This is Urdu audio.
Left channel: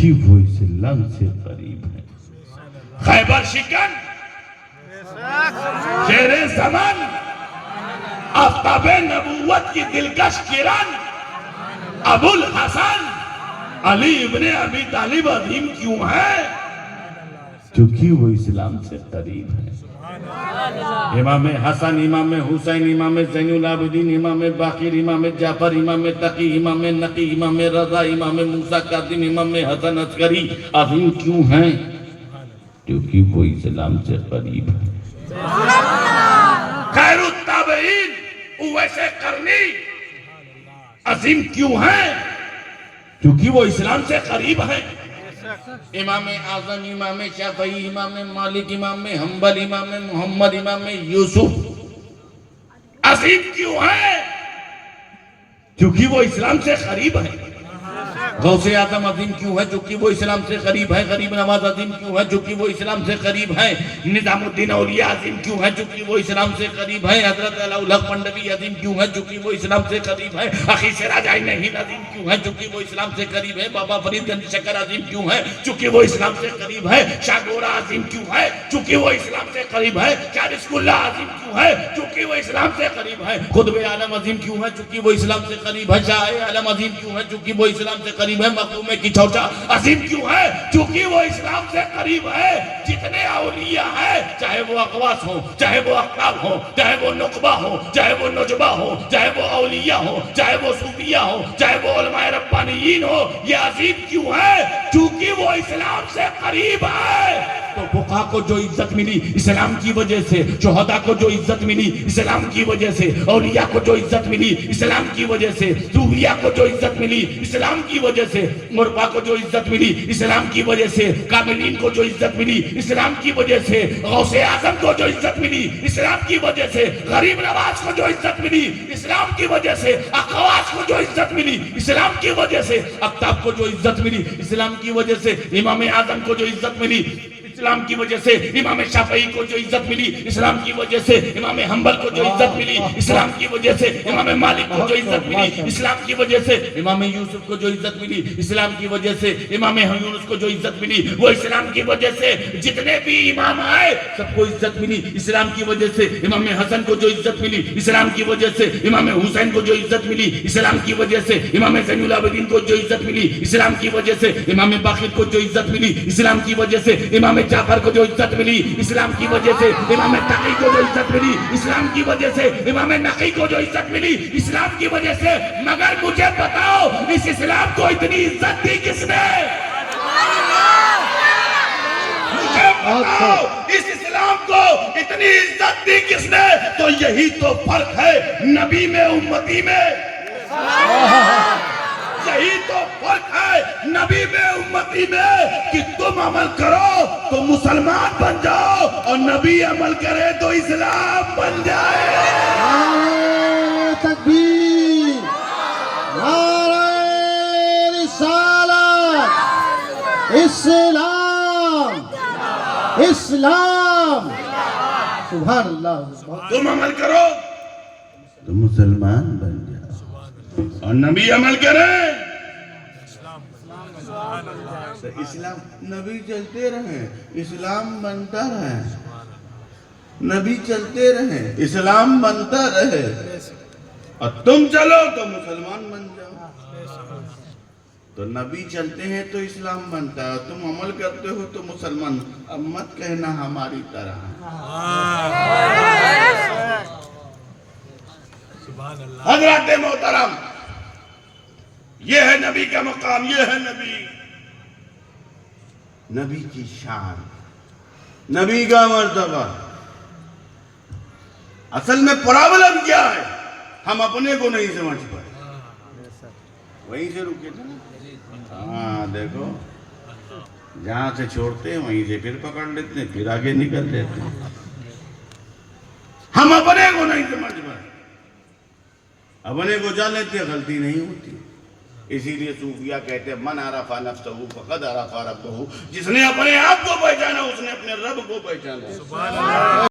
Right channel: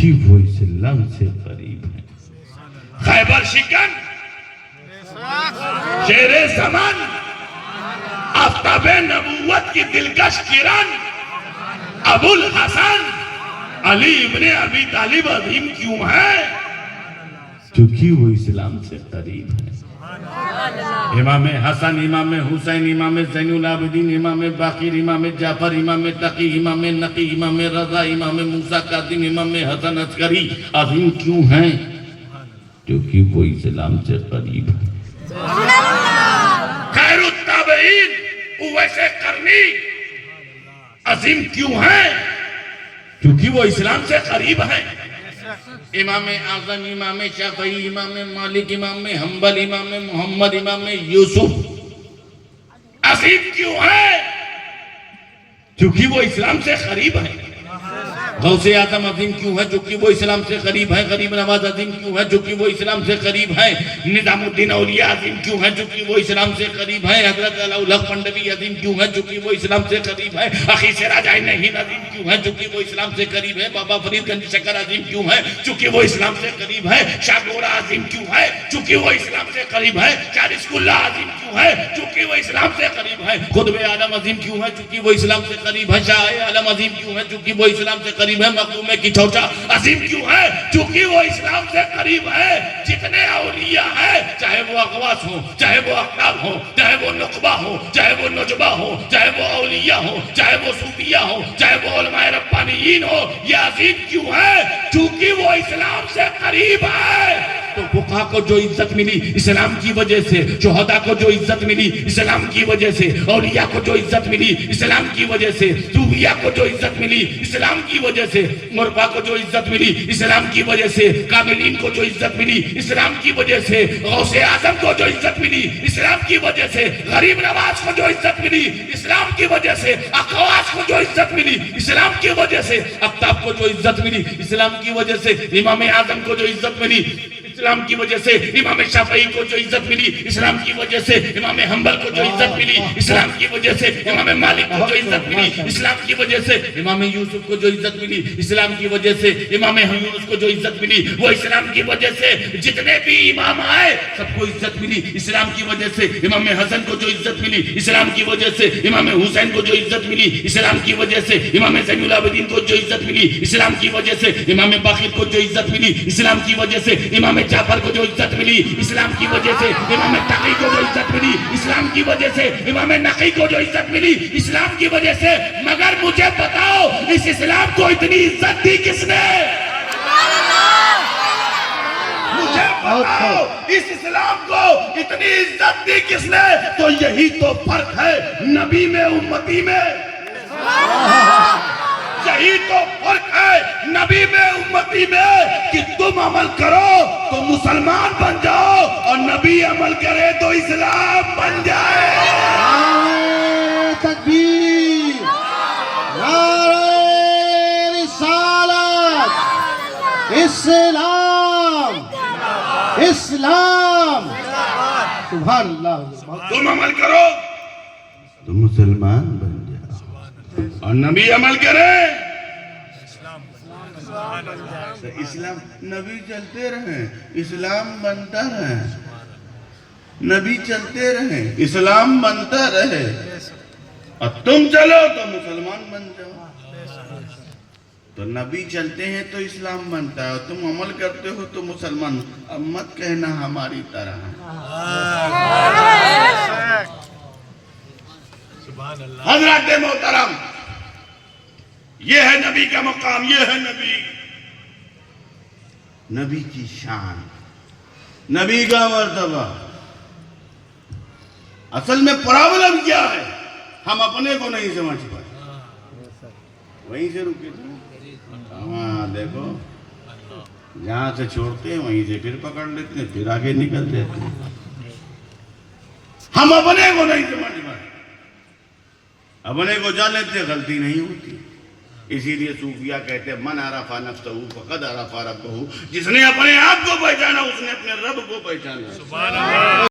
چونکہ وہ اسلام سے قریب ہیں۔ خیبر شکن، شیر زمان، آفتاب نبوت کی دلکش کرن، ابو الحسن علی ابن ابی طالب عظیم کیوں ہے؟ کیونکہ وہ اسلام سے قریب ہے۔ امام حسن، امام حسین، امام زین العابدین، امام باقر، امام جعفر، امام تقی، امام نقی، امام رضا، امام موسیٰ کاظم، امام حسن عسکری عظیم کیوں ہیں؟ کیونکہ وہ اسلام سے قریب ہے۔ خیر التابعین اویس قرنی عظیم کیوں ہیں؟ کیونکہ وہ اسلام سے قریب ہیں۔ امام اعظم، امام شافعی، امام مالک، امام حنبل، امام محمد، امام یوسف عظیم کیوں ہیں؟ کیونکہ وہ اسلام سے قریب ہیں۔ غوث اعظم عظیم کیوں ہے؟ چونکہ وہ اسلام سے قریب ہے۔ غریب نواز عظیم کیوں ہے؟ چونکہ وہ اسلام سے قریب ہے۔ نظام الدین اولیاء عظیم کیوں ہے؟ چونکہ وہ اسلام سے قریب ہے۔ حضرت الحق پنڈوی عظیم کیوں ہے؟ چونکہ وہ اسلام سے قریب ہے۔ اخی سراج عین ہند عظیم کیوں ہے؟ چونکہ وہ اسلام سے قریب ہے۔ بابا فرید گنج شکر عظیم کیوں ہے؟ چونکہ وہ اسلام سے قریب ہے۔ شاہ گورا عظیم کیوں ہے؟ چونکہ وہ اسلام سے قریب ہے۔ شاہ رزق اللہ عظیم کیوں ہے؟ چونکہ وہ اسلام سے قریب ہے۔ قطب عالم عظیم کیوں ہے؟ چونکہ وہ اسلام سے قریب ہے۔ شاہ عالم عظیم کیوں ہے؟ چونکہ وہ اسلام سے قریب ہے۔ مقدوم کی چوچا عظیم کیوں ہے؟ چونکہ وہ اسلام سے قریب ہے۔ جتنے اولیاء ہیں، چاہے وہ اقواس ہوں، چاہے وہ اقطاب ہوں، چاہے وہ نقبہ ہوں، چاہے وہ نجبہ ہوں، چاہے وہ اولیاء ہوں، چاہے وہ صوفیہ ہوں، چاہے وہ علماء ربانیین ہوں، یہ عظیم کیوں ہے؟ چونکہ وہ اسلام سے قریب ہے۔ تو فقہا کو جو عزت ملی اسلام کی وجہ سے، شہداء کو جو عزت ملی اسلام کی وجہ سے، اولیاء کو جو عزت ملی اسلام کی وجہ سے، صوفیہ کو جو عزت ملی اسلام کی وجہ سے، مربع کو جو عزت ملی اسلام کی وجہ سے، کاملین کو جو عزت ملی اسلام کی وجہ سے، غوث اعظم کو جو عزت ملی اسلام کی وجہ سے، غریب نواز کو جو عزت ملی اسلام کی وجہ سے، اقواس کو جو عزت ملی اسلام کی وجہ سے، اقطاب کو جو عزت ملی اسلام کی وجہ سے، امام اعظم کو جو عزت ملی اسلام کی وجہ سے، امام شافعی کو جو عزت ملی اسلام کی وجہ سے، امام حنبل کو جو عزت ملی اسلام کی وجہ سے، امام مالک کو جو عزت ملی اسلام کی وجہ سے، امام یوسف کو جو عزت ملی اسلام کی وجہ سے، امام یونس کو جو عزت ملی وہ اسلام کی وجہ سے، جتنے بھی امام آئے سب کو عزت ملی اسلام کی وجہ سے، امام حسن کو جو عزت ملی اسلام کی وجہ سے، امام حسین کو جو عزت ملی اسلام کی وجہ سے، امام زین العابدین کو جو عزت ملی اسلام کی وجہ سے، امام باقر کو جو عزت ملی اسلام کی وجہ سے، امام جعفر کو جو عزت ملی اسلام کی وجہ سے، امام تقی کو جو عزت ملی اسلام کی وجہ سے، امام نقی کو جو عزت ملی اسلام کی وجہ سے۔ مگر مجھے بتاؤ اس اسلام کو اتنی عزت دی کس نے؟ مجھے بتاؤ اس اسلام کو اتنی عزت دی کس نے؟ تو یہی تو فرق ہے نبی میں امتی میں، یہی تو فرق ہے نبی میں امتی میں، کہ تم عمل کرو تو مسلمان بن جاؤ اور نبی عمل کرے تو اسلام بن جائے۔ نعرہ تکبیر، نعرہ رسالت، اسلام، اسلام، سبحان اللہ۔ تم عمل کرو تو مسلمان بن جاؤ اور نبی عمل کرے تو اسلام۔ نبی چلتے رہیں اسلام بنتا رہے، نبی چلتے رہیں اسلام بنتا رہے، اور تم چلو تو مسلمان بن جاؤ۔ تو نبی چلتے ہیں تو اسلام بنتا ہے اور تم عمل کرتے ہو تو مسلمان۔ اب مت کہنا ہماری طرح۔ حضرات محترم، یہ ہے نبی کا مقام، یہ ہے نبی، نبی کی شان، نبی کا مرتبہ۔ اصل میں پرابلم کیا ہے؟ ہم اپنے کو نہیں سمجھ پائے۔ وہیں سے رکے تھے۔ ہاں دیکھو، جہاں سے چھوڑتے ہیں وہیں سے پھر پکڑ لیتے ہیں، پھر آگے نکل دیتے ہیں۔ ہم اپنے کو نہیں سمجھ پائے، اپنے کو جان لیتے ہیں غلطی نہیں ہوتی۔ اسی لیے صوفیہ کہتے ہیں من عرف نفسہ فقد عرف ربہ، جس نے اپنے آپ کو پہچانا اس نے اپنے رب کو پہچانا۔